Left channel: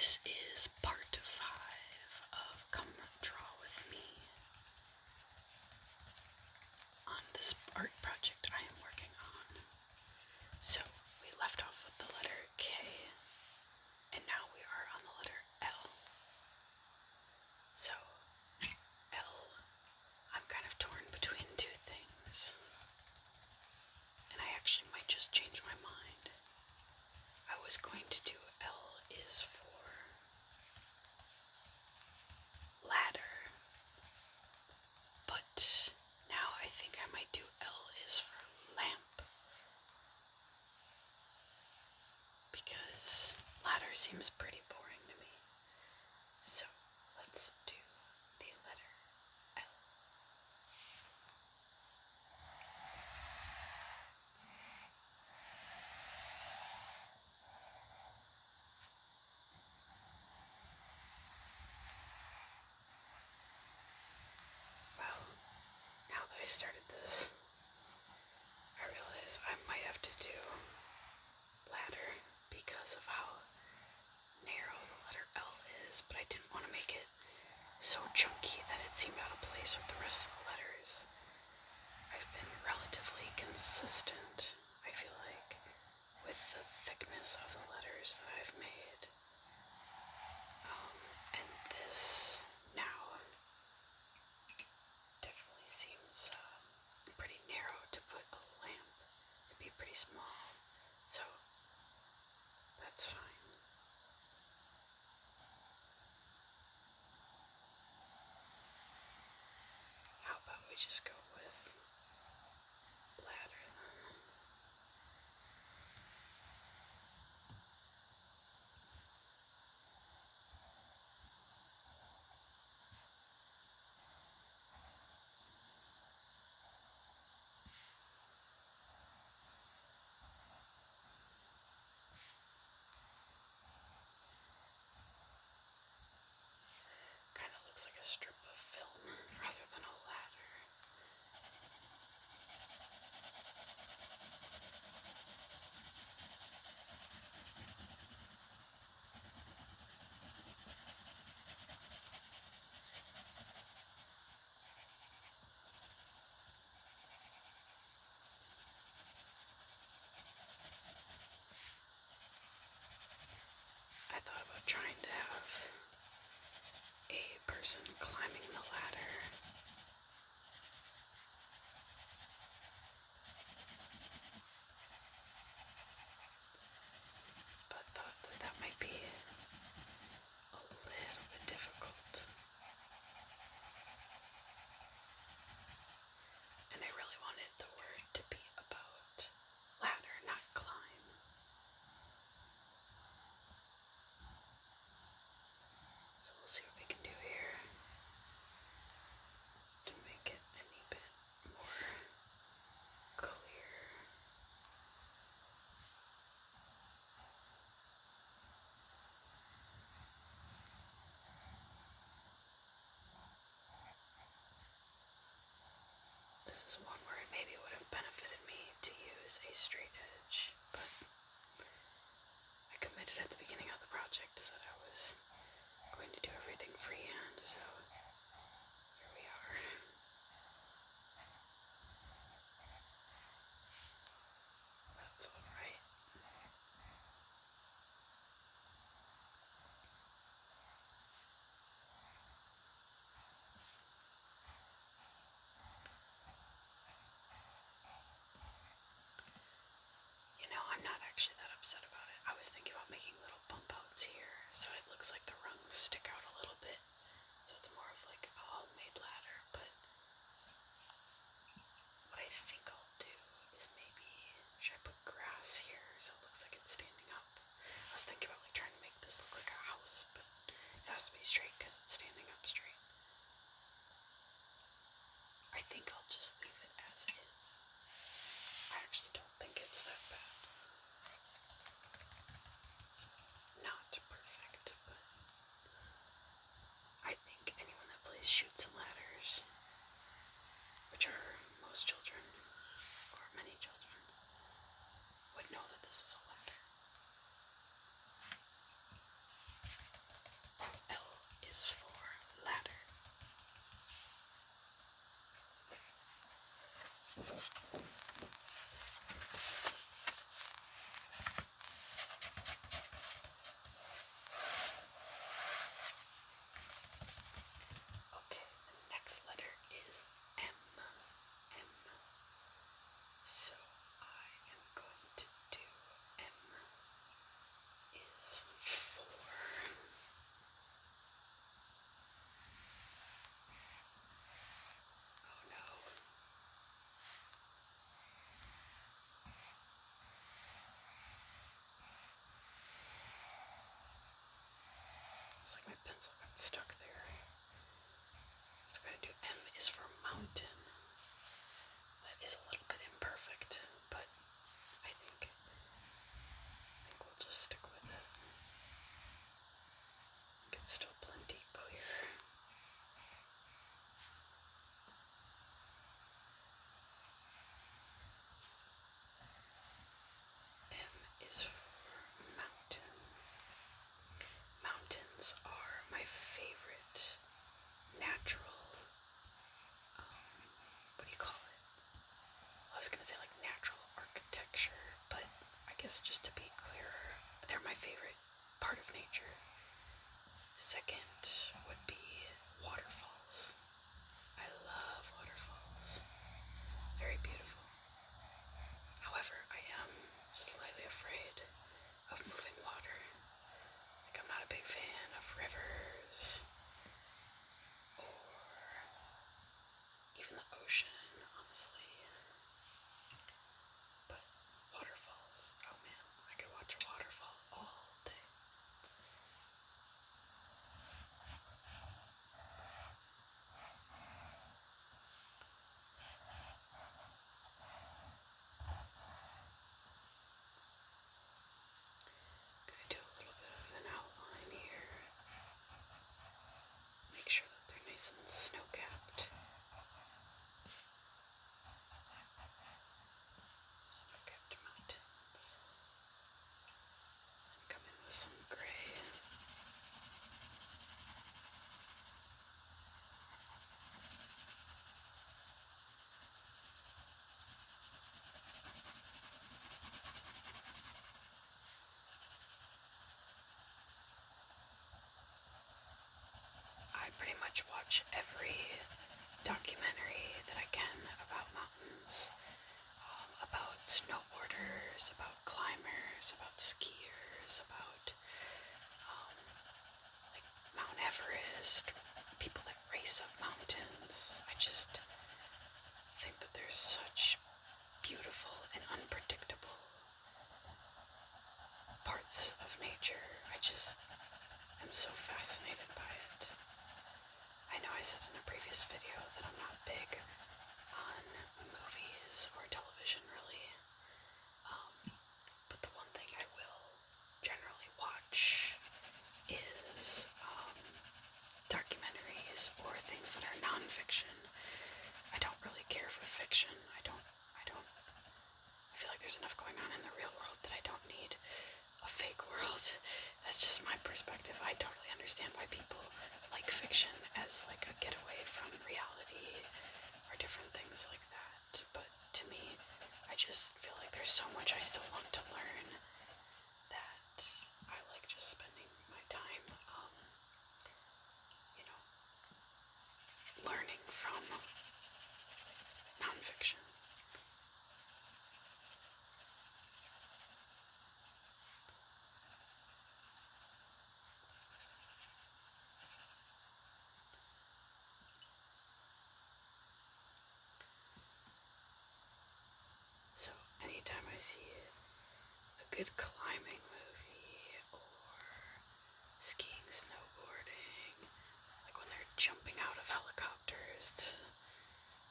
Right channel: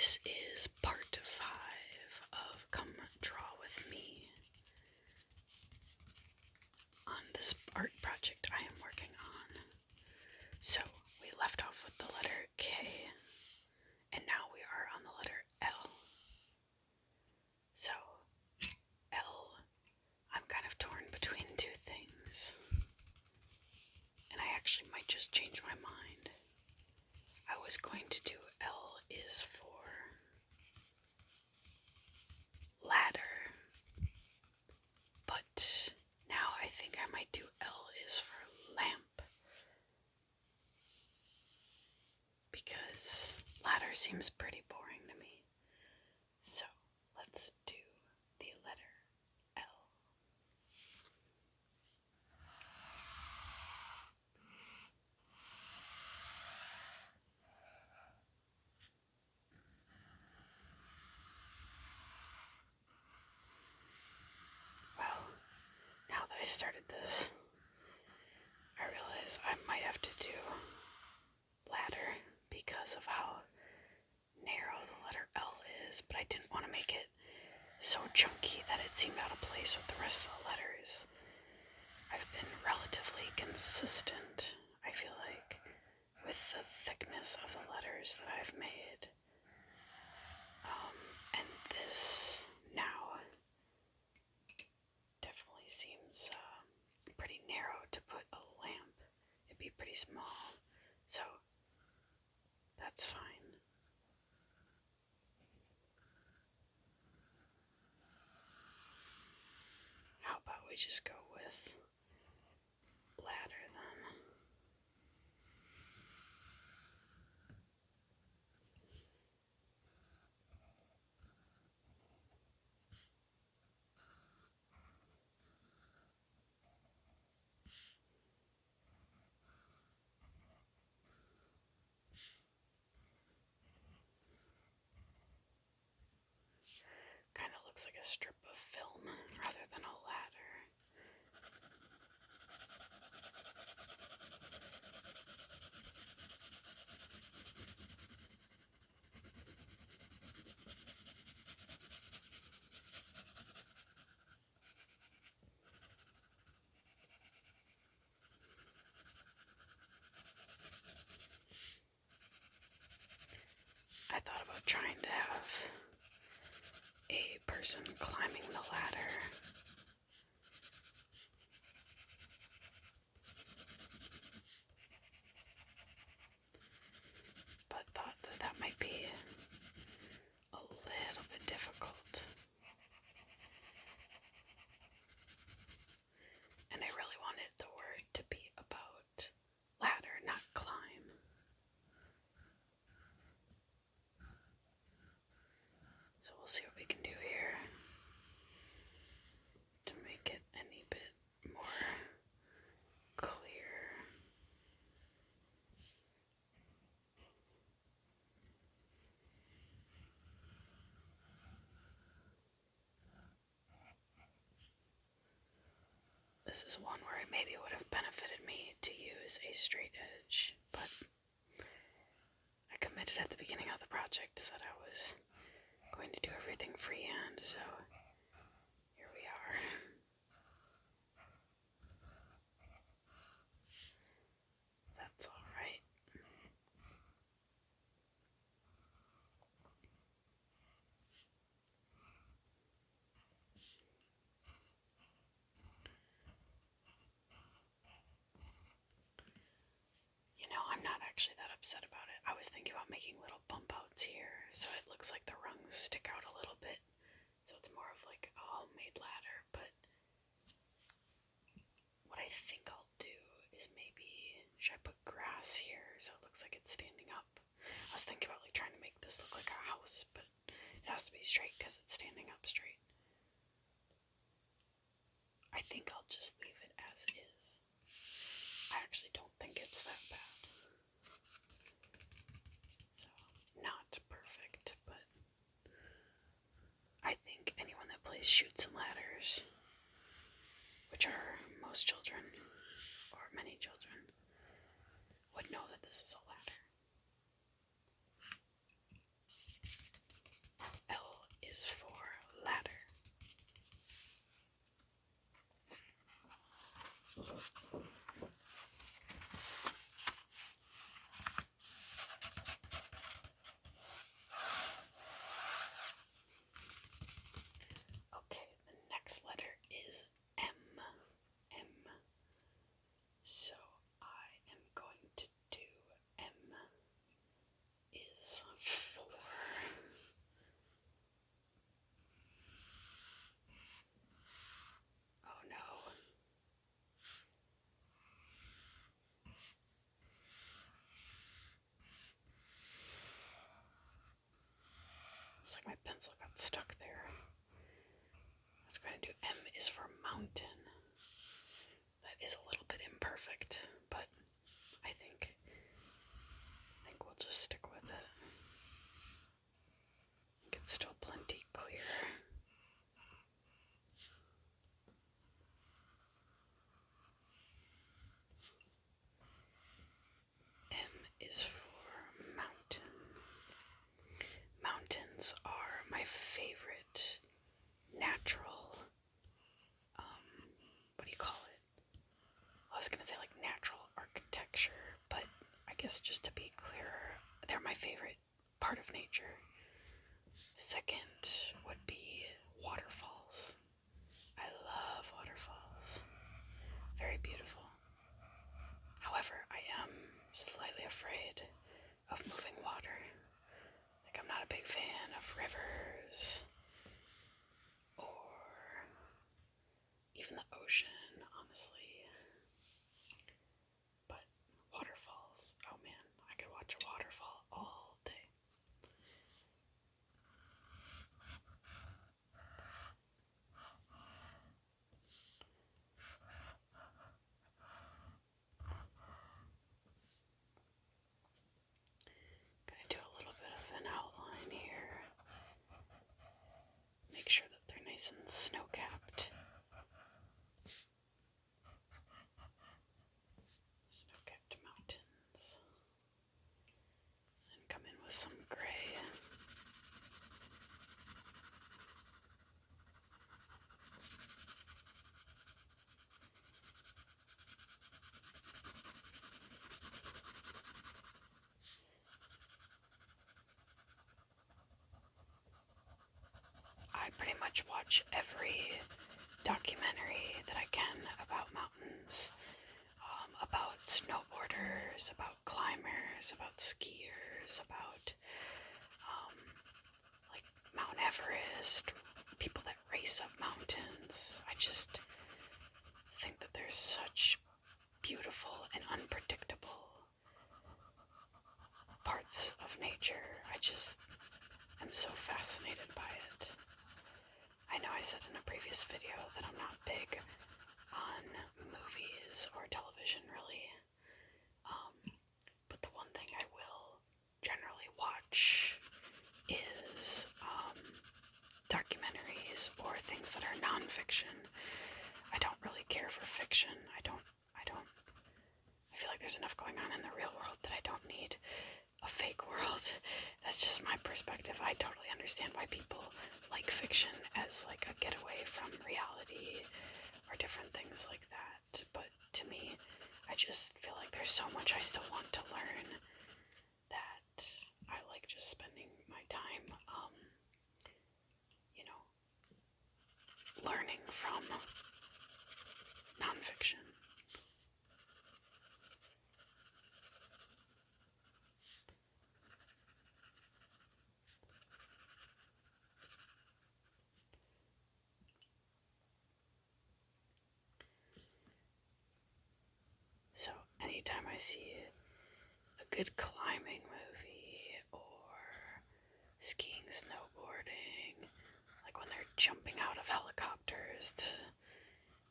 This is part 5 of Come Draw With Me on this art project I am working on. So, we left off with the letter K, and now we are on the letter L. So, L, I'm kind of torn between two things, and I actually might just change my mind. I was going to do L is for ladder, but now I think I might do L is for lamp, because ladder seems pretty boring to me. So let's do the letter L. Well, now that I started this, I realize I might have to do ladder because of how narrow the letter L is, but I didn't want to make it so chunky that it seemed out of place with the rest of the letters. I've been relatively consistent, I feel like, with the thickness of the letters that I've made. And this now definitely seems pretty narrow to put a lamp. It'd be pretty small, so that's fine. How about we just go with ladder then? Kind of looks like a strip of film rather than a ladder. I thought about trying to have a person climbing the ladder, but thought that that might be a little bit difficult. And I really wanted the word to be about ladder, not climb. So we'll see what we can do here to make it any bit more clear. This is one where it maybe would have benefited me to use a straight edge, but I committed at the beginning of the project that I was going to do everything freehand, so here we are. That's alright. You know, I'm not actually that upset about it. I was thinking about making little bump outs here, so it looks like the rungs stick out a little bit. So it's more of like a homemade ladder, but what I think I'll do is maybe, should I put grass here so it looks like it's standing up? I was thinking about like trying to make this look like a house, but it has to be straight because it's standing up straight. I think I'll just leave it as is. I actually don't think it's that bad. So, not perfect, but I think anyone that plays Chutes and Ladders, which are most children, or many children, would know that this is a ladder. Okay, the next letter is M. M. So I am going to do M is for. Oh no. Looks like my pencil got stuck there. I was going to do M is for mountain. That is a little bit imperfect, but I think we'll just stick with it. It's still plenty clear. M is for mountain. Mountains are my favorite natural, what do you call it? I was going to say like natural architecture, but I guess just to be clearer, they're my favorite part of nature. Second would be waterfalls. I love waterfalls. Very beautiful. However, I am slightly afraid of moving water. Like, I'm not a big fan of rivers or even the ocean, honestly. But waterfalls, oh man, I could watch a waterfall all day. Gonna do a little bit of an outline here. Make sure that they're nice and snow-capped. Snow-capped mountains. Then come in with some gray. I pretty much watch every documentary that I can about mountains, about snowboarders, about climbers, about skiers, about like Mount Everest, people that race up mountains. I just think that there's such beautiful and unpredictable parts of nature. I just am so fascinated by it. I know I said in a previous video that I'm not big on movies or television, really. But the one thing I will generally watch is documentaries or things that are nonfiction. I don't really care for fiction. I feel like there's enough going on in the real world that I don't need a fake world. That's just my perspective. I totally understand why people like fiction as like a getaway from reality or different things like that. But to me, I just feel like there's so much I still want to learn that I like just spending my time, learning from nonfiction. So anytime I see a good climbing movie or skiing, snowboarding, like when they're jumping out of helicopters to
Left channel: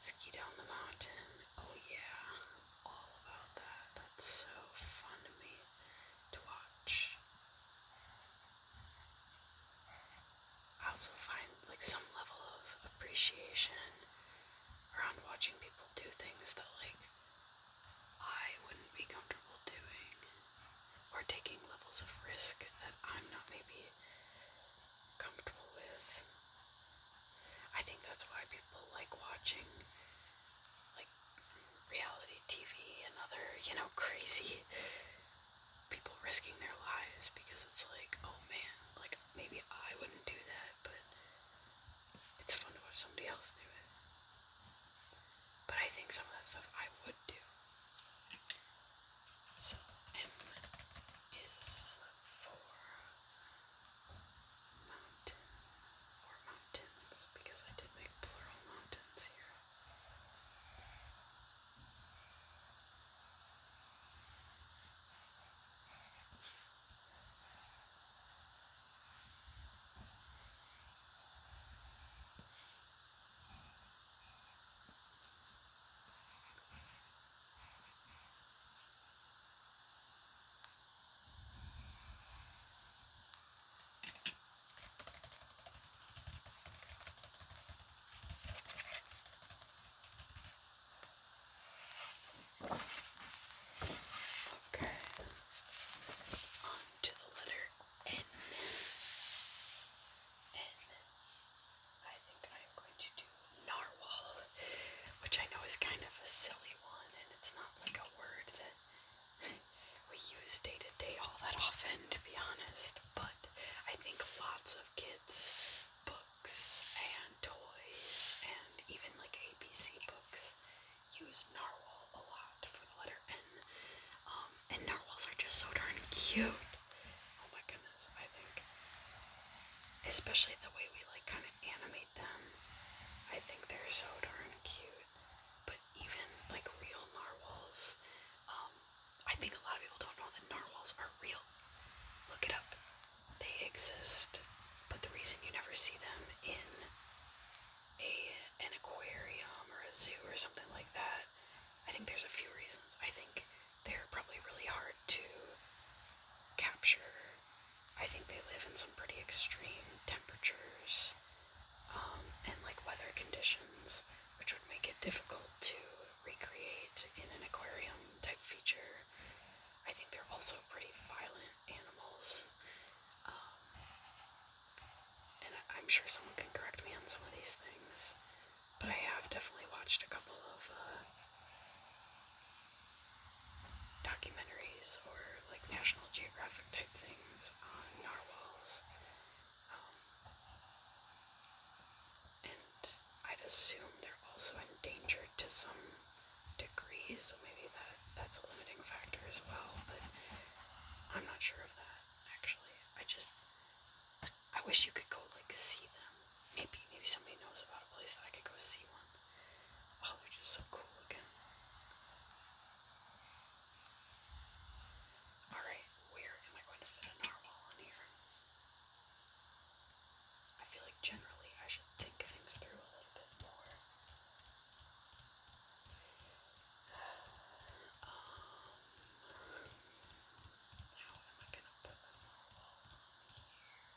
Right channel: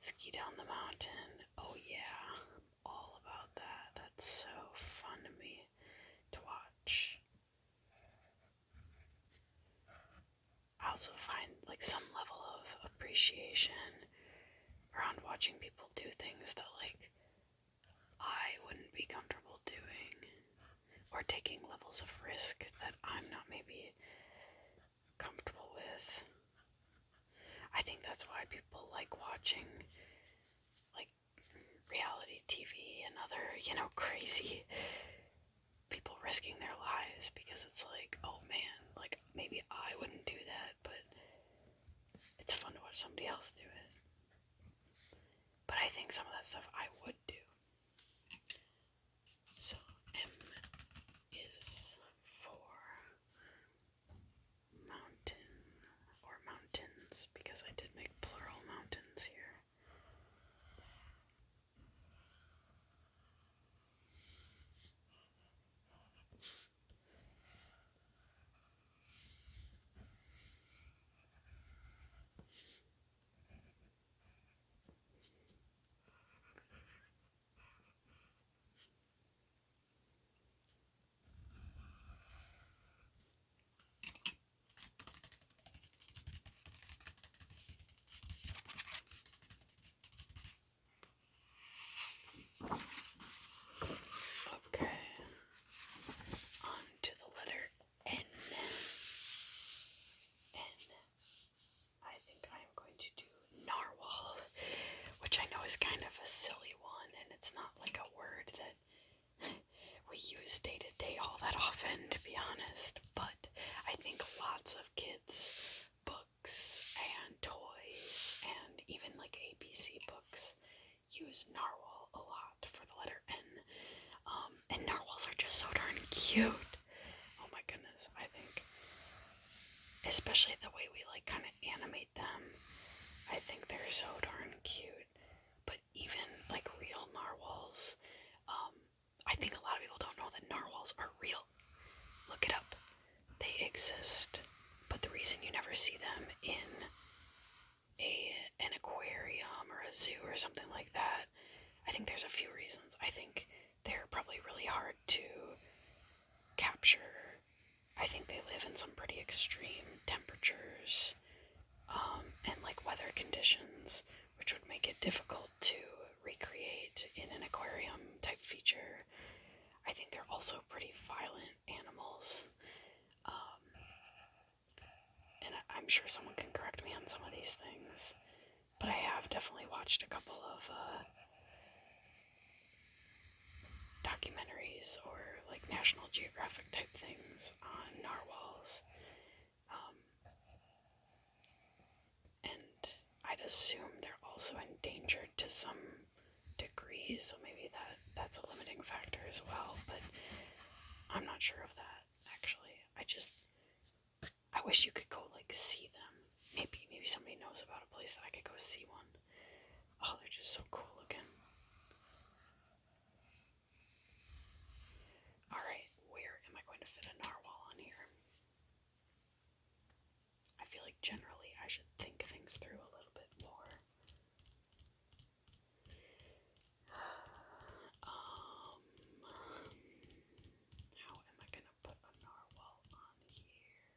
ski down the mountain, oh yeah, I'm all about that. That's so fun to me to watch. I also find like some level of appreciation around watching people do things that like I wouldn't be comfortable doing, or taking levels of risk that I'm not maybe comfortable with. I think that's why people like watching like reality TV and other, crazy people risking their lives because it's like, oh man, like maybe I wouldn't do that, but it's fun to watch somebody else do it. But I think some of that stuff I would do. So M is for mountain or mountains because I did make plural mountains here. Okay, on to the letter N. N. I think I'm going to do narwhal, which I know is kind of a silly one, and it's not like a word that we use day to day all that often, to be honest, but I think lots of kids' books and toys and even like ABC books use narwhal a lot for the letter N. And narwhals are just so darn cute. Oh my goodness, I think. Especially the way we like kind of animate them. I think they're so darn cute. But even like real narwhals, I think a lot of people don't know that narwhals are real. Look it up. They exist. But the reason you never see them in an aquarium or a zoo or something like that, I think there's a few reasons. I think they're probably really hard to capture. I think they live in some pretty extreme temperatures and like weather conditions, which would make it difficult to recreate in an aquarium type feature. I think they're also pretty violent animals. And I'm sure someone can correct me on some of these things, but I have definitely watched a couple of documentaries or like National Geographic type things on narwhals. And I'd assume they're also endangered to some degree, so maybe that's a limiting factor as well, but I'm not sure of that, actually. I wish you could go like see them. Maybe somebody knows about a place that I could go see one. Oh, they're just so cool looking. Alright, where am I going to fit a narwhal in here? I feel like generally I should think things through a little bit more. How am I gonna put a narwhal on here?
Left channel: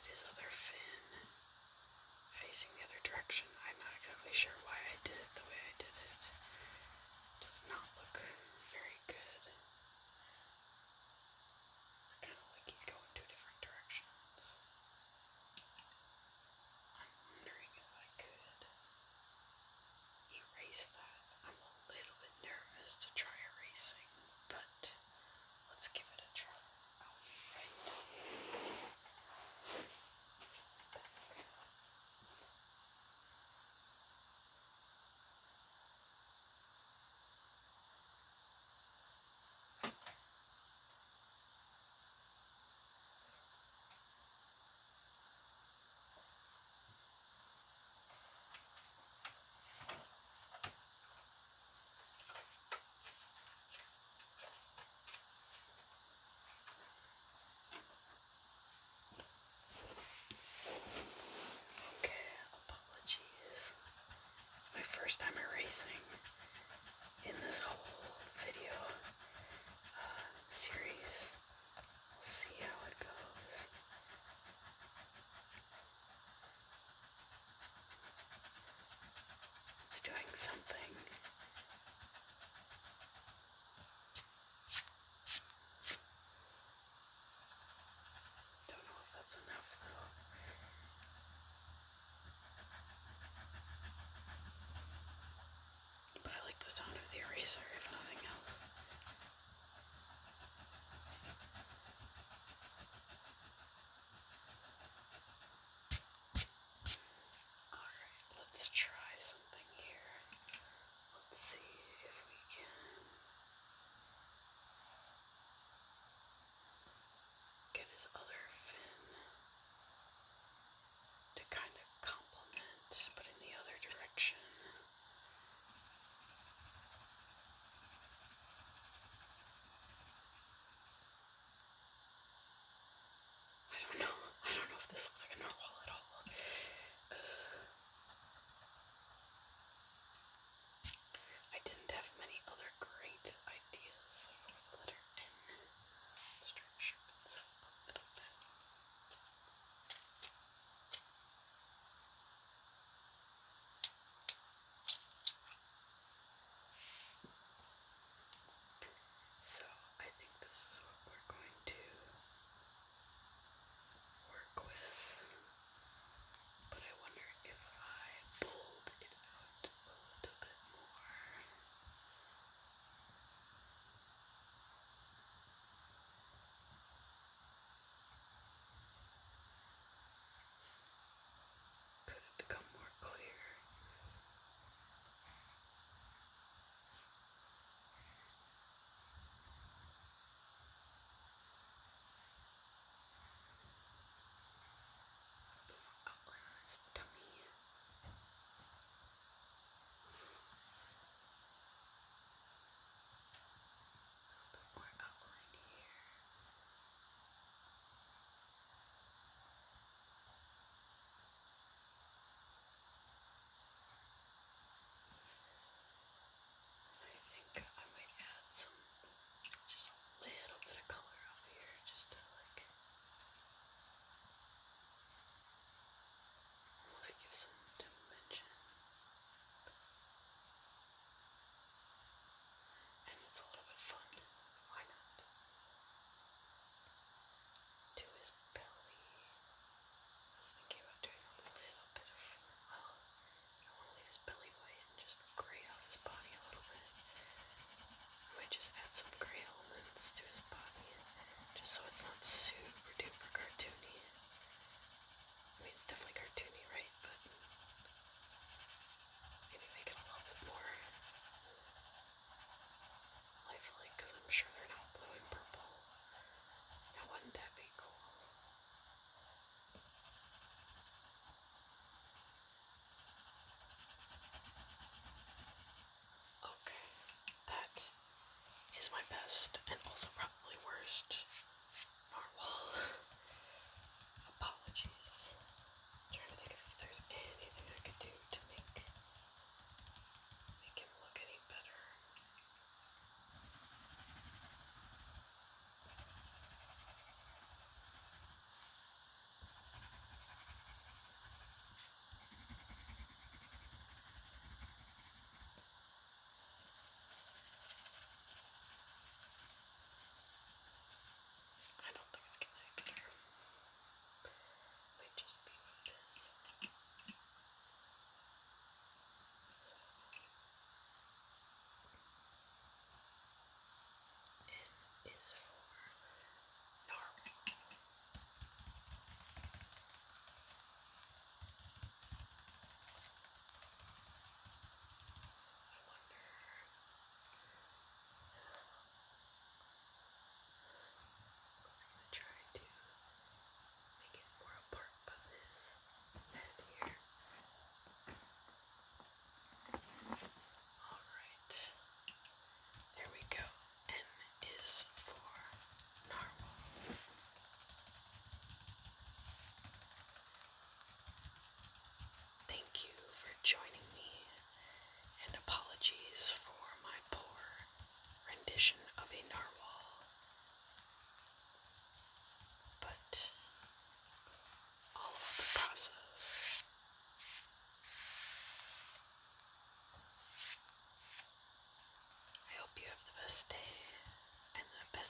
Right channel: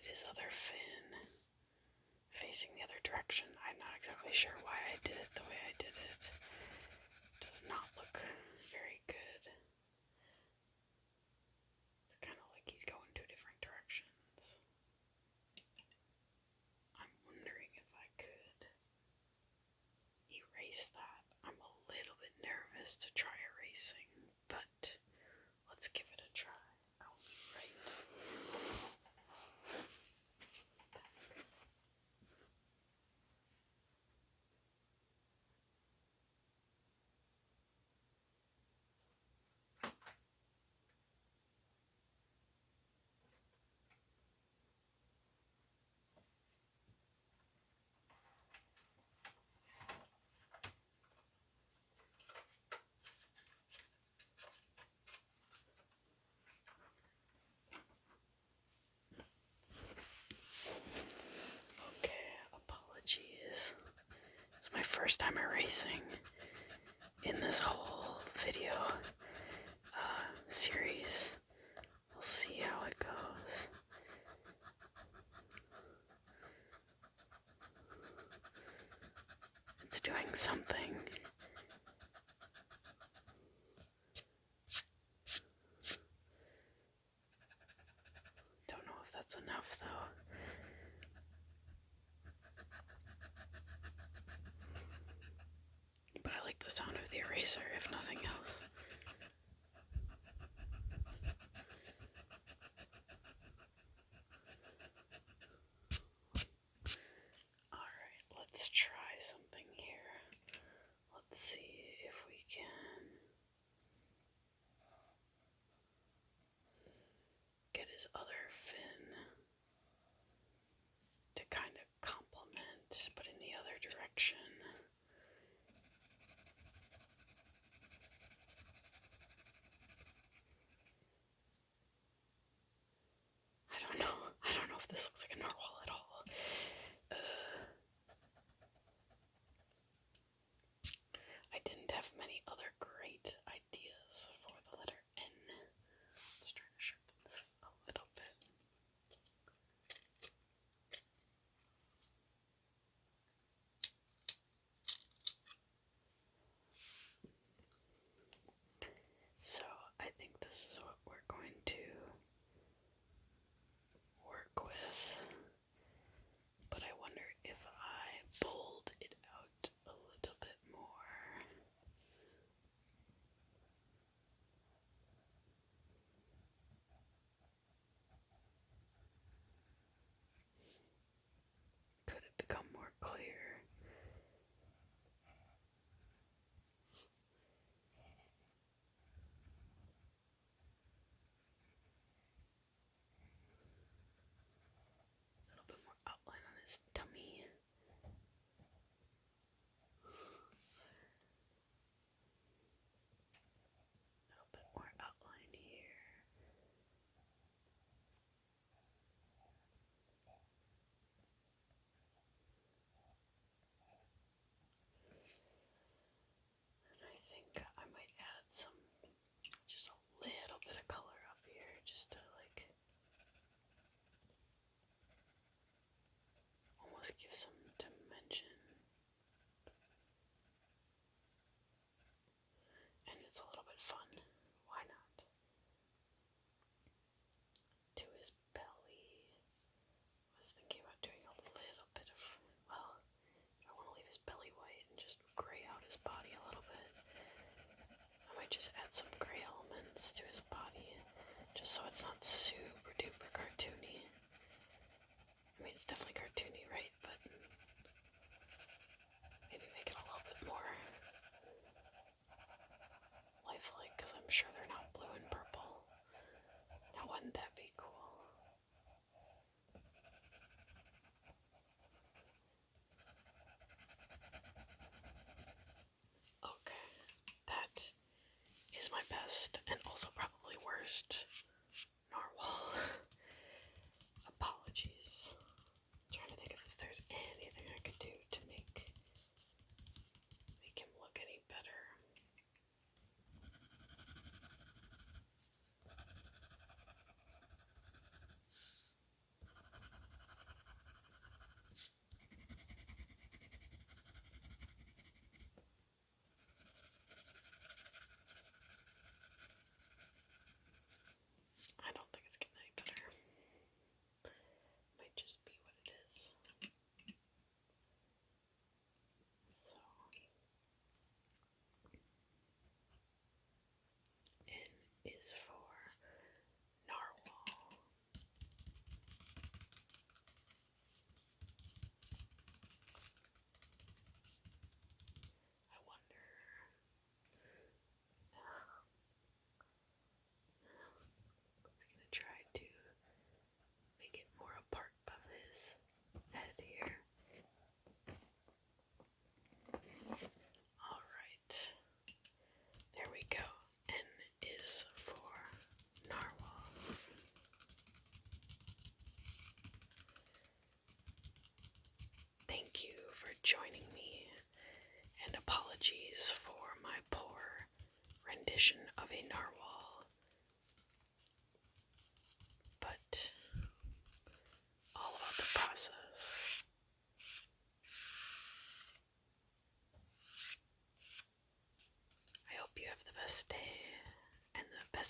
put his other fin facing the other direction. I'm not exactly sure why I did it the way I did it. Does not look very good. It's kind of like he's going two different directions. I'm wondering if I could erase that. I'm a little bit nervous to try erasing, but let's give it a try. Okay, apologies. It's my first time erasing in this whole video series. We'll see how it goes. It's doing something. Don't know if that's enough though. But I like the sound of the eraser, if nothing else. Alright, let's try something here. Let's see if we can get his other fin to kind of complement, but in the other direction. I don't know if this looks like a narwhal at all. I didn't have many other great ideas for the letter N. Let's try to sharpen this a little bit. So I think this is what we're going to work with, but I wonder if I bold it out a little bit more. Could it become more clear? A little bit more outline on his tummy. A little bit more outline here. And I think I might add just a little bit of color up here, just to like almost give some dimension. And it's a little bit fun. Why not? To his belly. I was thinking about doing a little bit of, well, I don't want to leave his belly white and just gray out his body a little bit. I might just add some gray elements to his body, just so it's not super duper cartoony. I mean, it's definitely cartoony, right? But maybe make it a little bit more lifelike, because I'm sure they're not blue and purple. Now, wouldn't that be cool? Okay, that is my best and also probably worst narwhal. Apologies. I'm trying to think if there's anything I could do to make him look any better.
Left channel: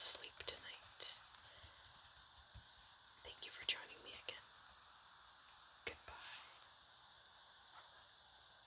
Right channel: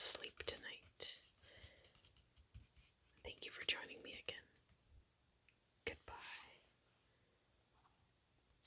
sleep.